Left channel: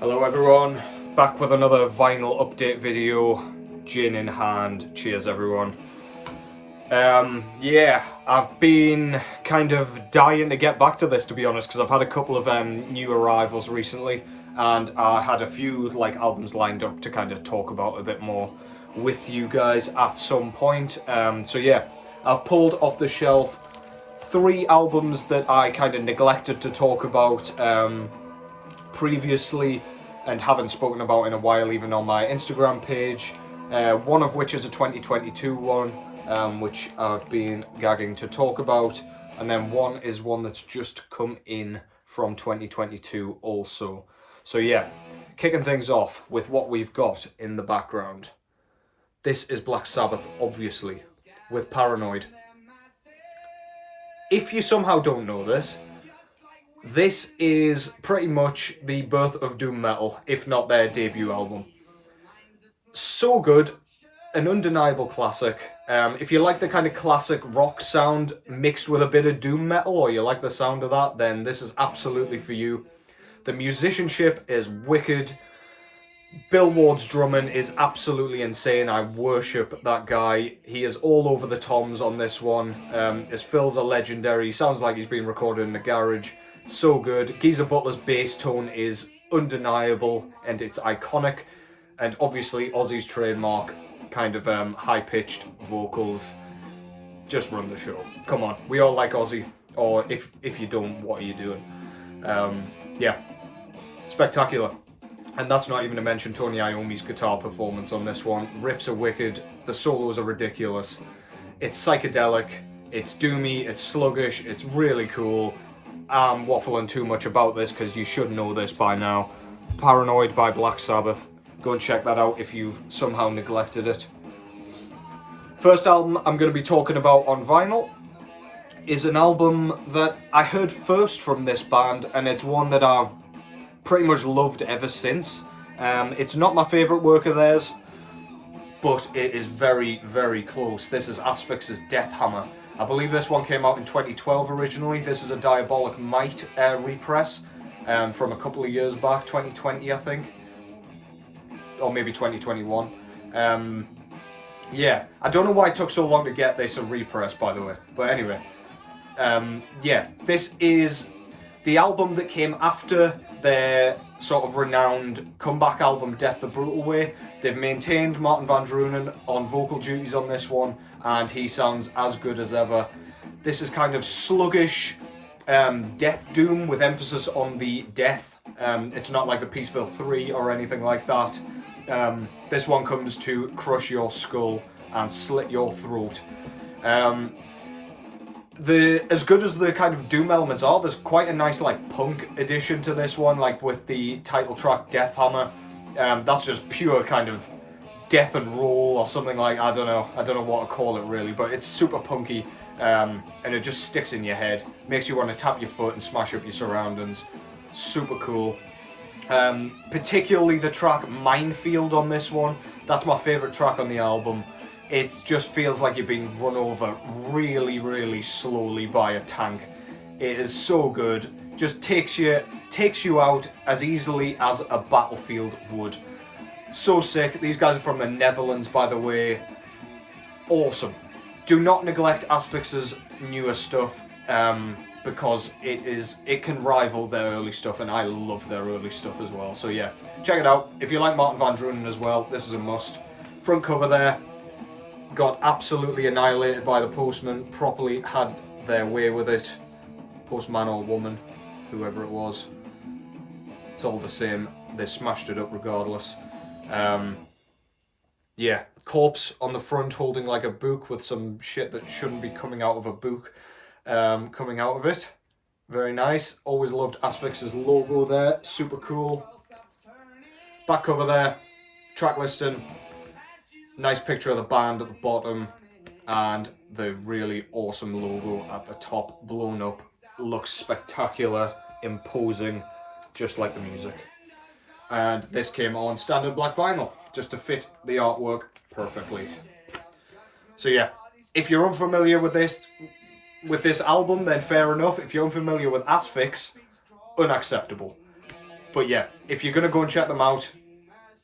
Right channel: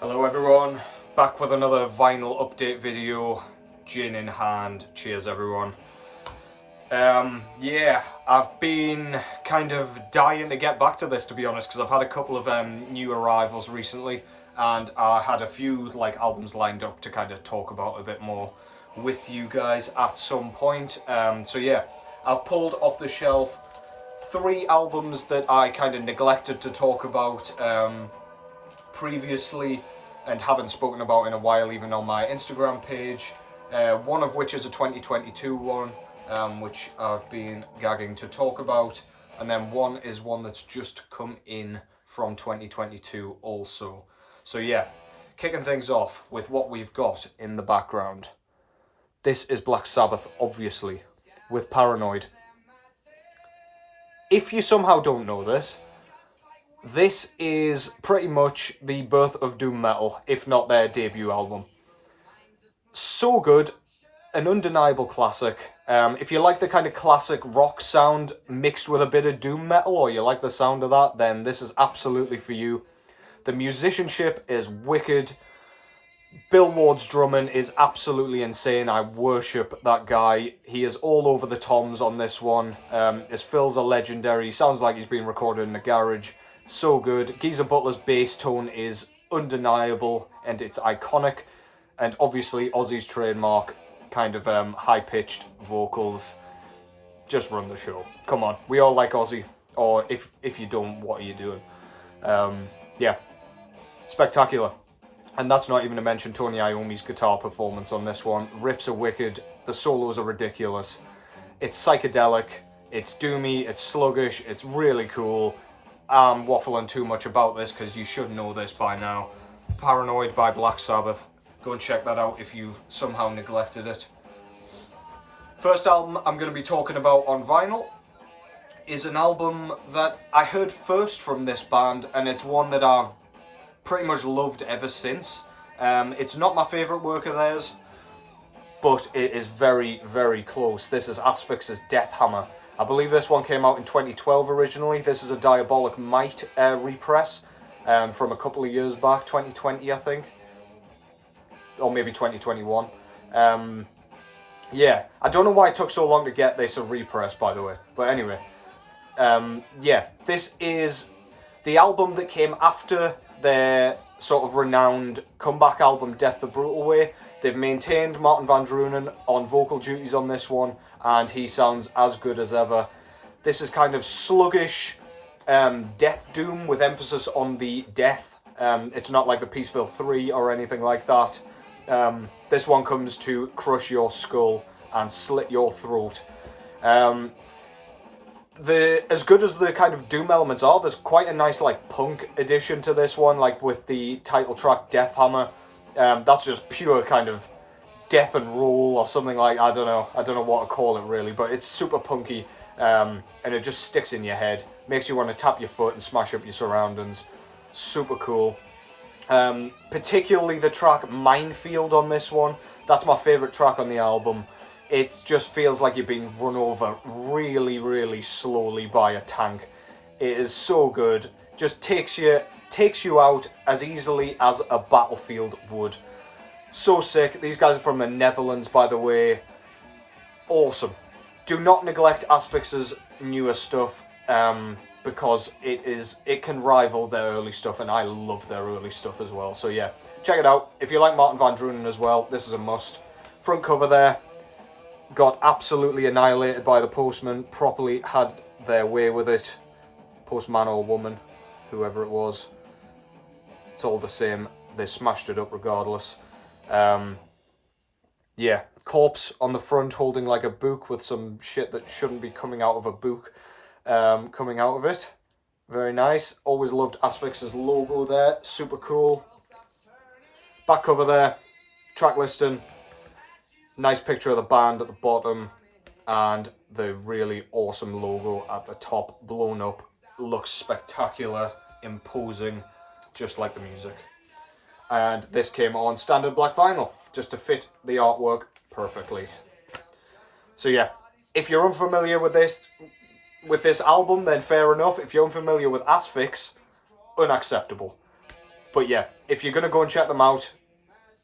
Hello everyone, back with another vinyl update video, gin in hand. Cheers everyone. Yeah, I've been kind of dying to get back to this, to be honest, because I've had a couple of new arrivals recently, and I had a few albums lined up to kind of talk about a bit more with you guys at some point. So yeah, I've pulled off the shelf 3 albums that I kind of neglected to talk about previously and haven't spoken about in a while, even on my Instagram page. One of which is a 2022 one, which I've been gagging to talk about, and then one is one that's just come in from 2022 also. So yeah, kicking things off with what we've got in the background. This is Black Sabbath, obviously, with Paranoid. If you somehow don't know this, this is pretty much the birth of doom metal, if not their debut album. So good, an undeniable classic. If you like the kind of classic rock sound mixed with a bit of doom metal, or you like the sound of that, then this is absolutely for you. The musicianship is wicked. Bill Ward's drumming is absolutely insane. I worship that guy. He is all over the toms on this one. His fills are legendary. He sounds like he's been recorded in a garage. So good. Geezer Butler's bass tone is undeniable and it's iconic. And obviously Ozzy's trademark kind of high-pitched vocals just run the show. Come on, we all like Ozzy. Or if you don't, what are you doing? Yeah, spectacular. And that's not even to mention Tony Iommi's guitar performance on this one. Riffs are wicked, the solos are ridiculous. It's psychedelic, it's doomy, it's sluggish, it's really cool. I'm waffling too much about this because you should know this by now. Paranoid by Black Sabbath. Go and check that out if you've somehow neglected it. First album I'm going to be talking about on vinyl is an album that I heard first from this band, and it's one that I've pretty much loved ever since. It's not my favourite work of theirs, but it is very, very close. This is Asphyx's Deathhammer. I believe this one came out in 2012 originally. This is a Diabolic Might repress from a couple of years back, 2020 I think. Or maybe 2021. Yeah, I don't know why it took so long to get this a repress, by the way. But anyway, yeah, this is the album that came after their sort of renowned comeback album, Death the Brutal Way. They've maintained Martin van Drunen on vocal duties on this one, and he sounds as good as ever. This is kind of sluggish death doom with emphasis on the death. It's not like the Peaceville 3 or anything like that. This one comes to crush your skull and slit your throat. As good as the kind of doom elements are, there's quite a nice punk addition to this one, with the title track Deathhammer. That's just pure kind of death and roll or something I don't know what to call it really, but it's super punky, and it just sticks in your head, makes you want to tap your foot and smash up your surroundings. Super cool. Particularly the track Minefield on this one. That's my favourite track on the album. It just feels like you're being run over really, really slowly by a tank. It is so good. Just takes you out as easily as a battlefield would. So sick. These guys are from the Netherlands, by the way. Awesome. Do not neglect Asphyx's newer stuff, because it can rival their early stuff, and I love their early stuff as well. So yeah, check it out. If you like Martin van Drunen as well, this is a must. Front cover there. Got absolutely annihilated by the Postman, properly had their way with it. Postman or woman, whoever it was. It's all the same, they smashed it up regardless. Yeah, corpse on the front holding a book with some shit that shouldn't be coming out of a book, coming out of it. Very nice. Always loved Asphyx's logo there, super cool. Back cover there, track listing. Nice picture of the band at the bottom, and the really awesome logo at the top, blown up. Looks spectacular, imposing, just like the music. And this came on standard black vinyl, just to fit the artwork perfectly. So yeah, if you're unfamiliar with this album, then fair enough. If you're unfamiliar with Asphyx, unacceptable. But yeah, if you're going to go and check them out,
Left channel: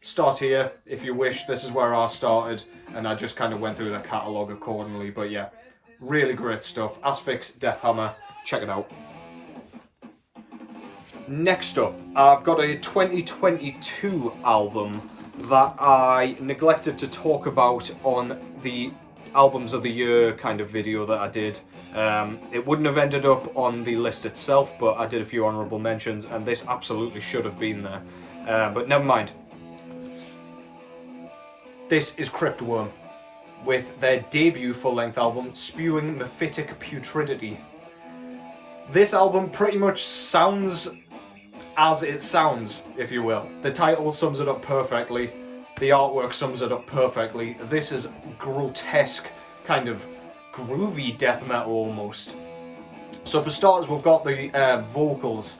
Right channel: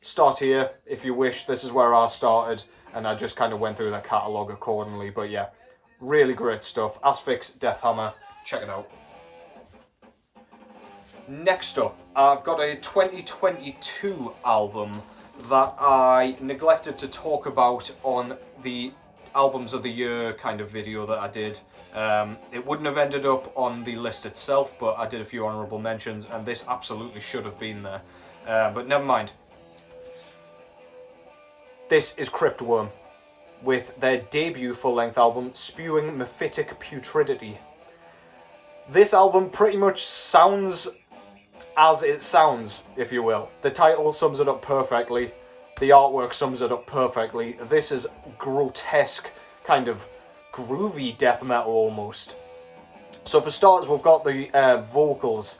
start here if you wish. This is where I started, and I just kind of went through the catalogue accordingly. But yeah, really great stuff. Asphyx, Deathhammer, check it out. Next up, I've got a 2022 album that I neglected to talk about on the albums of the year kind of video that I did. It wouldn't have ended up on the list itself, but I did a few honourable mentions, and this absolutely should have been there. But never mind. This is Cryptworm, with their debut full-length album, Spewing, Mephitic, Putridity. This album pretty much sounds as it sounds, if you will. The title sums it up perfectly. The artwork sums it up perfectly. This is grotesque, kind of groovy death metal almost. So for starters, we've got the vocals.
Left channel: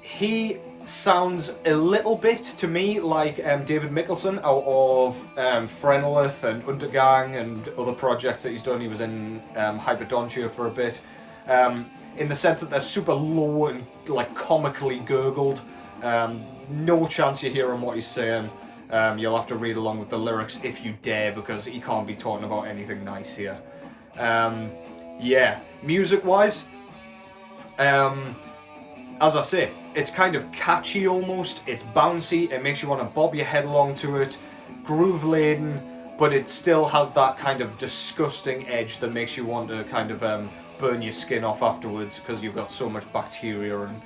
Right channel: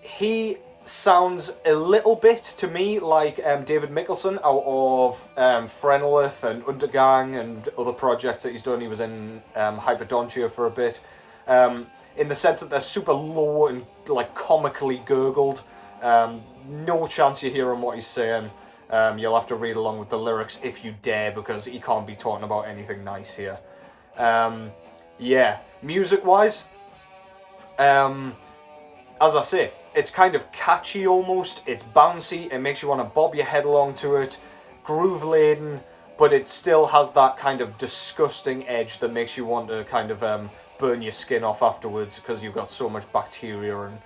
He sounds a little bit to me like David Mikkelsen out of Frenelith and Undergang and other projects that he's done. He was in Hyperdontia for a bit. In the sense that they're super low and like comically gurgled. No chance you're hearing what he's saying. You'll have to read along with the lyrics if you dare, because he can't be talking about anything nice here. Yeah, music-wise, as I say, it's kind of catchy almost. It's bouncy. It makes you want to bob your head along to it. Groove-laden, but it still has that kind of disgusting edge that makes you want to kind of burn your skin off afterwards, because you've got so much bacteria and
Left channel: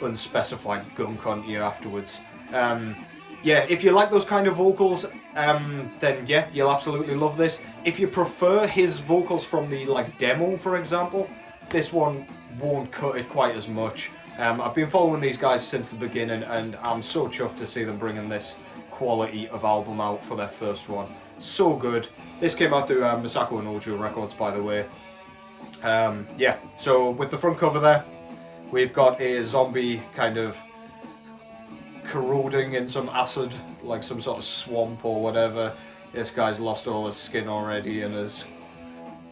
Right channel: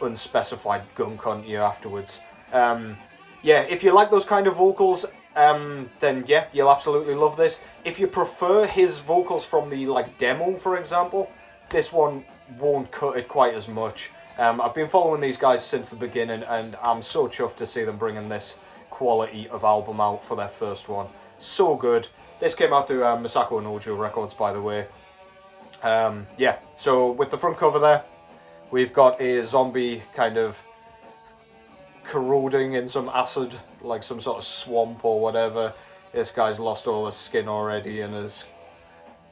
unspecified gunk onto you afterwards. Yeah, if you like those kind of vocals, then yeah, you'll absolutely love this. If you prefer his vocals from the demo, for example, this one won't cut it quite as much. I've been following these guys since the beginning, and I'm so chuffed to see them bringing this quality of album out for their first one. So good. This came out through Misako and Ojo Records, by the way. Yeah, so with the front cover there, we've got a zombie kind of corroding in some acid, like some sort of swamp or whatever. This guy's lost all his skin already and is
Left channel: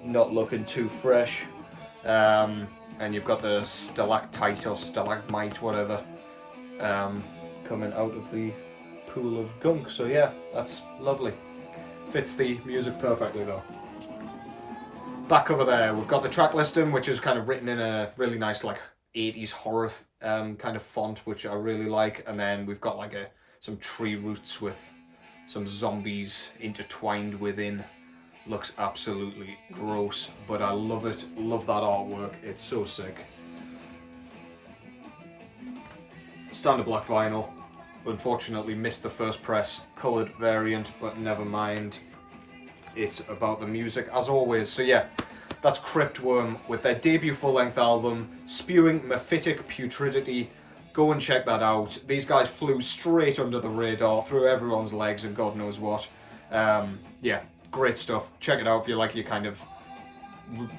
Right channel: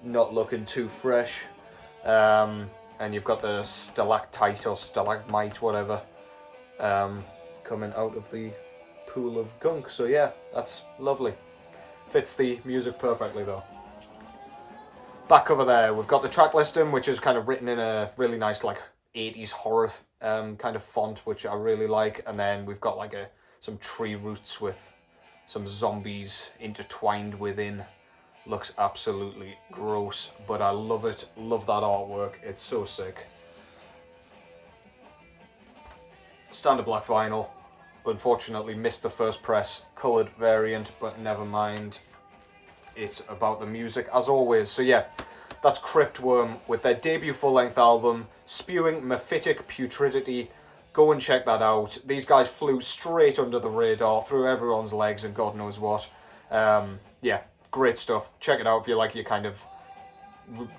not looking too fresh. And you've got the stalactite or stalagmite, whatever, coming out of the pool of gunk. So yeah, that's lovely. Fits the music perfectly though. Back over there, we've got the track listing, which is kind of written in a really nice 80s horror kind of font, which I really like. And then we've got some tree roots with some zombies intertwined within. Looks absolutely gross, but I love it. Love that artwork. It's so sick. Standard black vinyl. Unfortunately missed the first press coloured variant, but never mind. It's about the music as always. So yeah, that's Cryptworm with their debut full-length album, Spewing, Mephitic, Putridity. Go and check that out. These guys flew straight under the radar, through everyone's legs and God knows what. Yeah, great stuff. Check it out if you like your kind of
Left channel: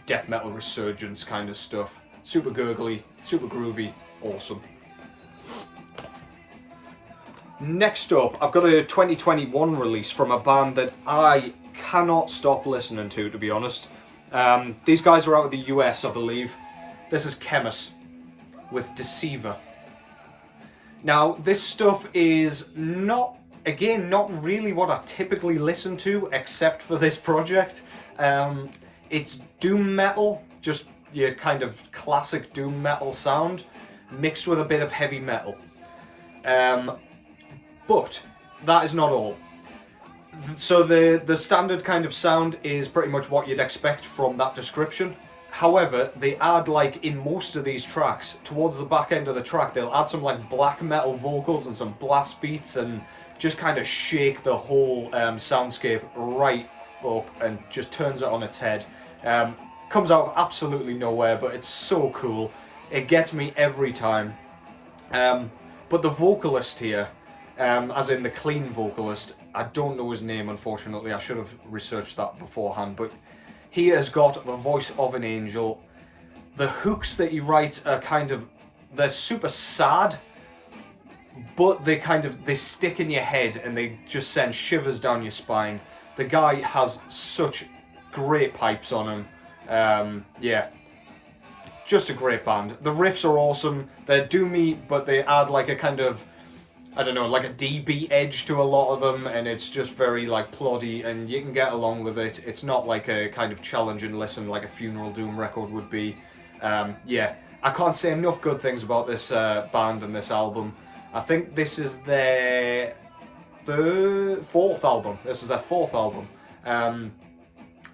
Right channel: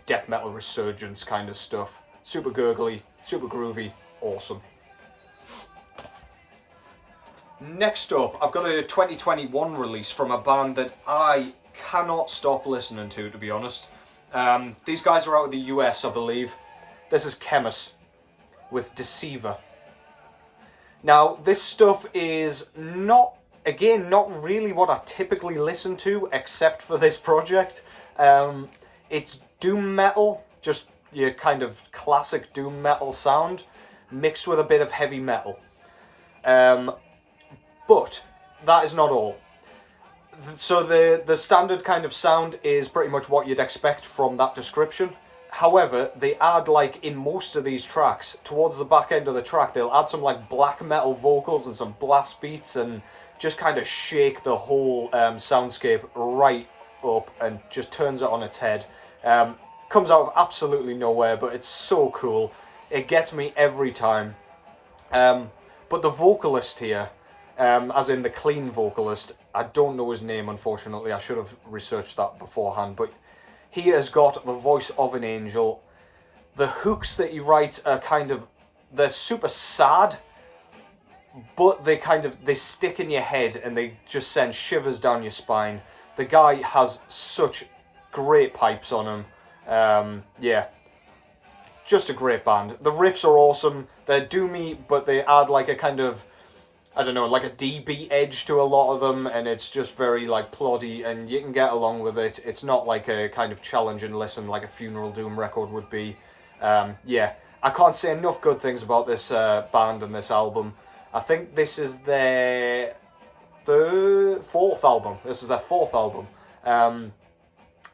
death metal resurgence kind of stuff. Super gurgly, super groovy, awesome. Next up, I've got a 2021 release from a band that I cannot stop listening to be honest. These guys are out of the US, I believe. This is Khemmis with Deceiver. Now, this stuff is not really what I typically listen to, except for this project. It's doom metal, just your kind of classic doom metal sound, mixed with a bit of heavy metal. But that is not all. So the standard kind of sound is pretty much what you'd expect from that description. However, they add in most of these tracks, towards the back end of the track, they'll add some black metal vocals and some blast beats and just kind of shake the whole soundscape right up and just turns it on its head. Comes out of absolutely nowhere, but it's so cool. It gets me every time. But the vocalist here, as in the clean vocalist, I don't know his name, unfortunately. I should have researched that beforehand, but he has got the voice of an angel. The hooks that he writes are they're super sad, but they stick in your head and they just send shivers down your spine. The guy has such great pipes on him. Yeah, just a great band. The riffs are awesome. They're doomy, but they add like a kind of, I don't know, like a D-beat edge to a lot of them, and it's just very like ploddy, and you can get along with it. It's not like a kind of challenging listen like a Funeral Doom record would be. Yeah, I can't say enough good things about this band and this album. I think this is their fourth album. This is their fourth album.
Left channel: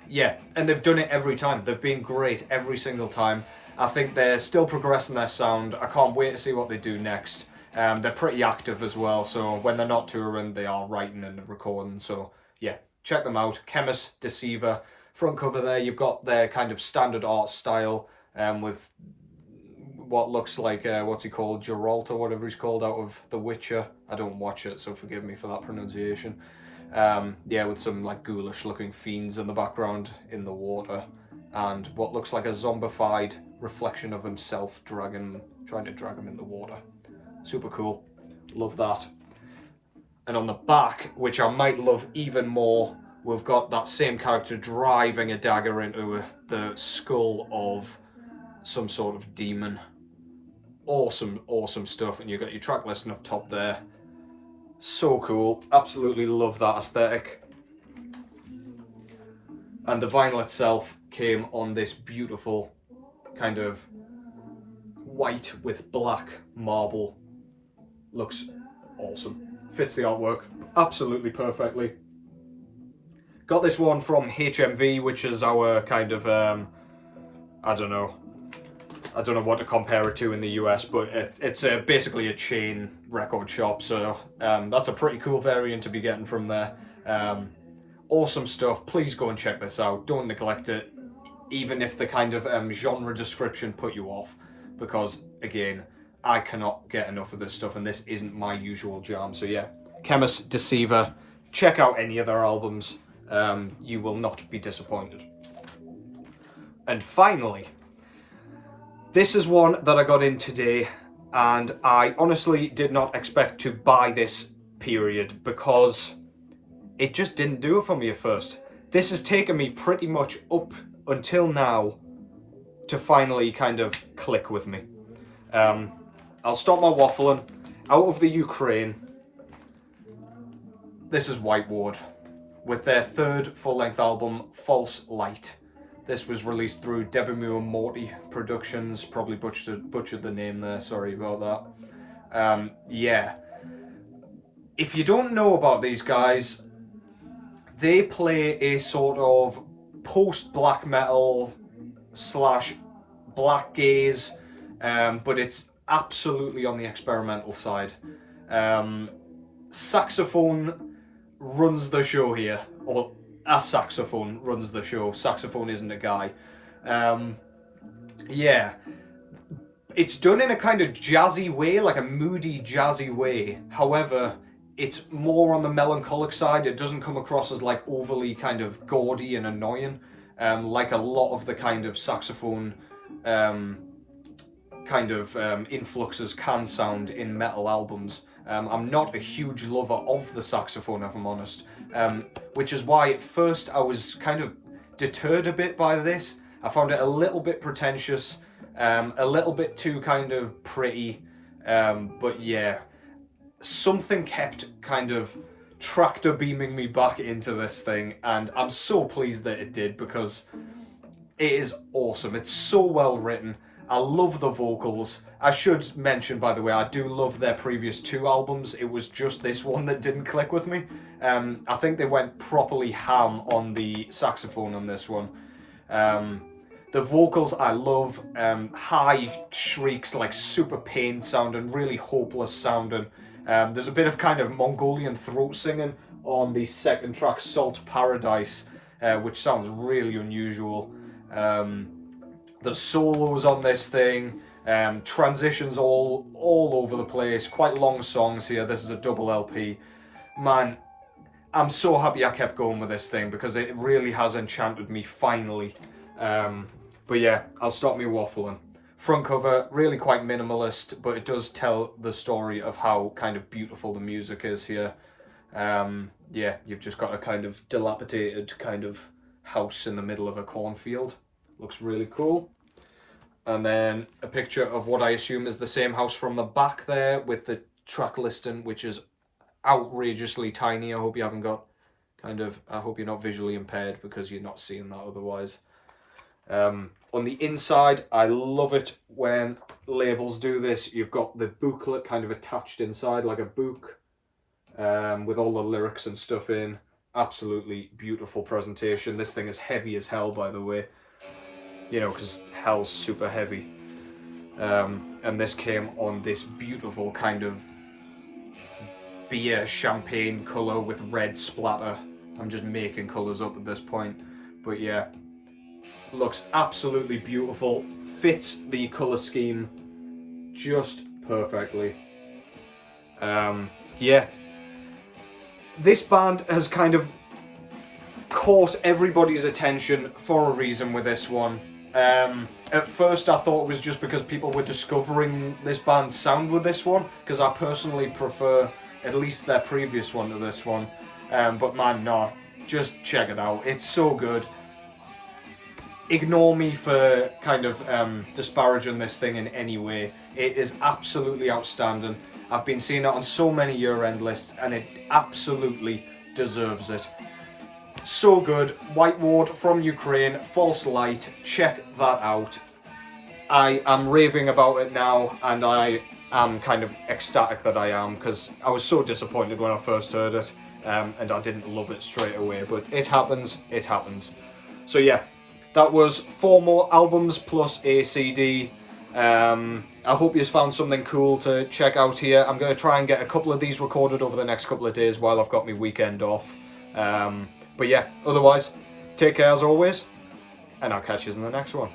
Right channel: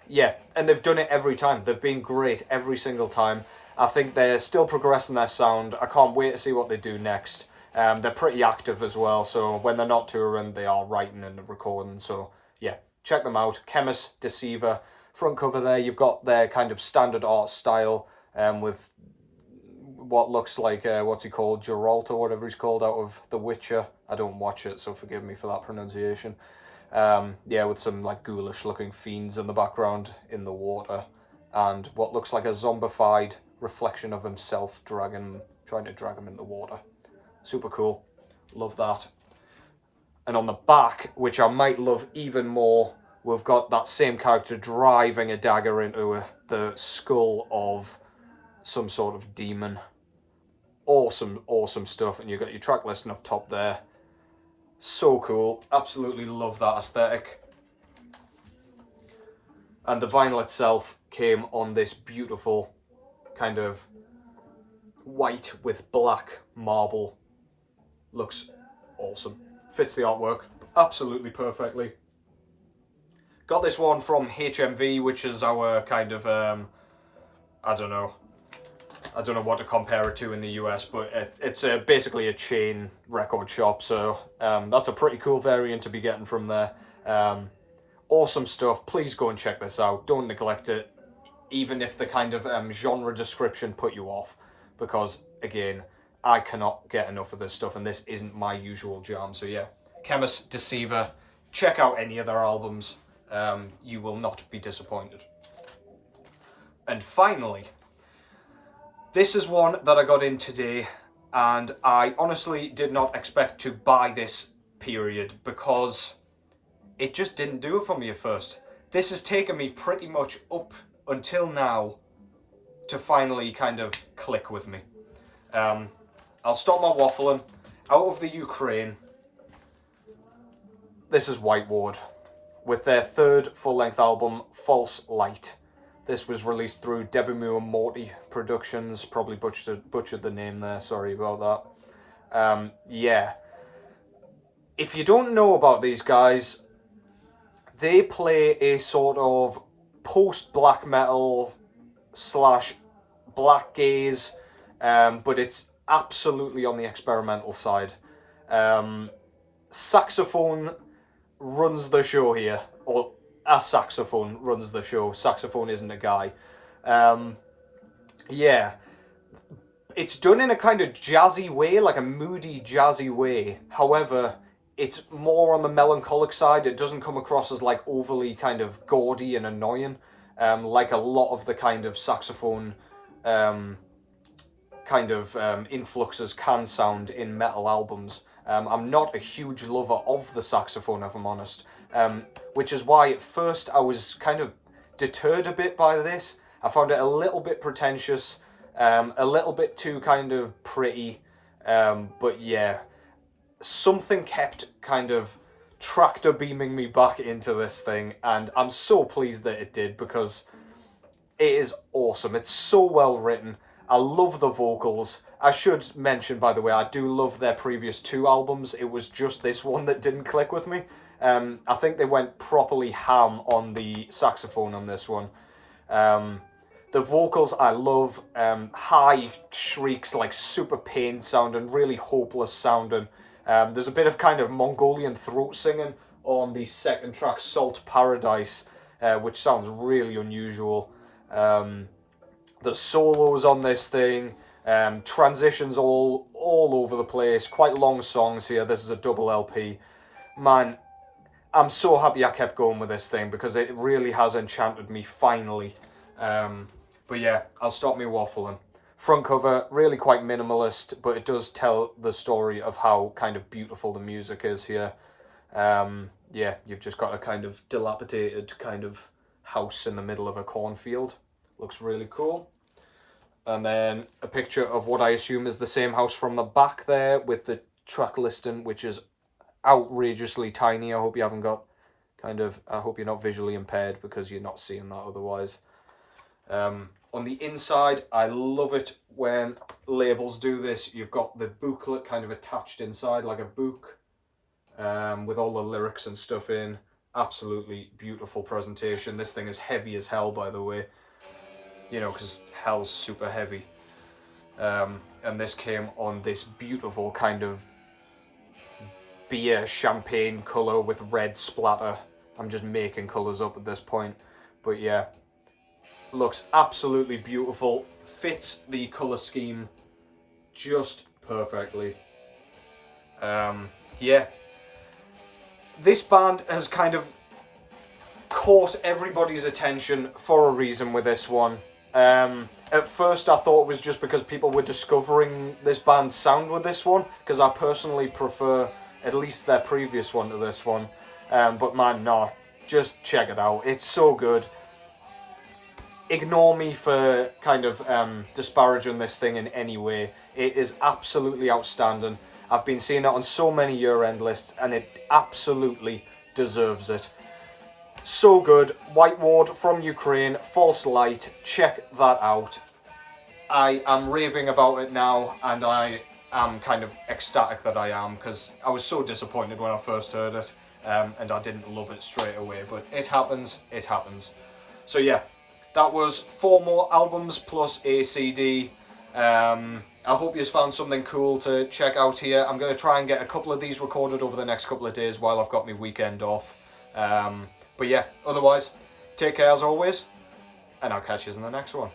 Yeah, and they've done it every time. They've been great every single time. I think they're still progressing their sound. I can't wait to see what they do next. They're pretty active as well, so when they're not touring, they are writing and recording. So yeah, check them out. Khemmis, Deceiver. Front cover there, you've got their kind of standard art style with what looks like, what's he called, Geralt or whatever he's called out of The Witcher. I don't watch it, so forgive me for that pronunciation. Yeah, with some like ghoulish looking fiends in the background in the water, and what looks like a zombified reflection of himself trying to drag him in the water. Super cool. Love that. And on the back, which I might love even more, we've got that same character driving a dagger into the skull of some sort of demon. Awesome, awesome stuff. And you got your track listing up top there. So cool. Absolutely love that aesthetic. And the vinyl itself came on this beautiful kind of white with black marble. Looks awesome. Fits the artwork absolutely perfectly. Got this one from HMV, which is our kind of, I don't know what to compare it to in the US, but it's basically a chain record shop, so that's a pretty cool variant to be getting from there. Awesome stuff. Please go and check this out. Don't neglect it, even if the kind of genre description put you off, because again, I cannot get enough of this stuff, and this isn't my usual jam. So yeah, Khemmis, Deceiver, check out any of their albums. You will not be disappointed. And finally, this is one that I got in today, and I honestly did not expect to buy this period because it just didn't do it for me at first. This has taken me pretty much up until now to finally kind of click with me. I'll stop my waffling. Out of the Ukraine, this is White Ward with their third full-length album, False Light. This was released through Debbie and Morty Productions. Probably butchered the name there, sorry about that. Yeah. If you don't know about these guys, they play a sort of post-black metal / black gaze, but it's absolutely on the experimental side. Saxophone runs the show here, or a saxophone runs the show. Saxophone isn't a guy. Yeah. It's done in a kind of jazzy way, like a moody jazzy way. However, it's more on the melancholic side. It doesn't come across as like overly kind of gaudy and annoying, like a lot of the kind of saxophone influxes can sound in metal albums. I'm not a huge lover of the saxophone, if I'm honest, which is why at first I was kind of deterred a bit by this. I found it a little bit pretentious, a little bit too kind of pretty, but yeah, something kept kind of tractor beaming me back into this thing, and I'm so pleased that it did, because it is awesome. It's so well written. I love the vocals. I should mention, by the way, I do love their previous 2 albums. It was just this one that didn't click with me. I think they went properly ham on the saxophone on this one. The vocals I love. High shrieks, like super pained sounding, really hopeless sounding. There's a bit of kind of Mongolian throat singing on the second track, Salt Paradise, which sounds really unusual. The solos on this thing, transitions all over the place, quite long songs here. This is a double LP. Man, I'm so happy I kept going with this thing, because it really has enchanted me finally. But yeah, I'll stop me waffling. Front cover, really quite minimalist, but it does tell the story of how kind of beautiful the music is here. Yeah, you've just got a kind of dilapidated kind of house in the middle of a cornfield. Looks really cool. And then a picture of what I assume is the same house from the back there with the track listing, which is outrageously tiny. I hope you haven't got I hope you're not visually impaired because you're not seeing that otherwise. On the inside, I love it when labels do this. You've got the booklet kind of attached inside like a book with all the lyrics and stuff in. Absolutely beautiful presentation. This thing is heavy as hell, by the way. You know, because hell's super heavy. And this came on this beautiful kind of beer champagne colour with red splatter. I'm just making colours up at this point. But yeah, looks absolutely beautiful. Fits the colour scheme just perfectly. Yeah. This band has kind of caught everybody's attention for a reason with this one. At first I thought it was just because people were discovering this band's sound with this one, because I personally prefer at least their previous one to this one. But man, no, just check it out. It's so good. Ignore me for kind of disparaging this thing in any way. It is absolutely outstanding. I've been seeing it on so many year-end lists, and it absolutely deserves it. So good. White Ward from Ukraine, False Light. Check that out. I am raving about it now, and I am kind of ecstatic that I am, because I was so disappointed when I first heard it, and I didn't love it straight away, but it happens, it happens. So yeah, that was 4 more albums plus a CD. I hope you found something cool to check out here. I'm going to try and get a couple of these recorded over the next couple of days while I've got my weekend off. But yeah, otherwise, take care as always, and I'll catch you in the next one.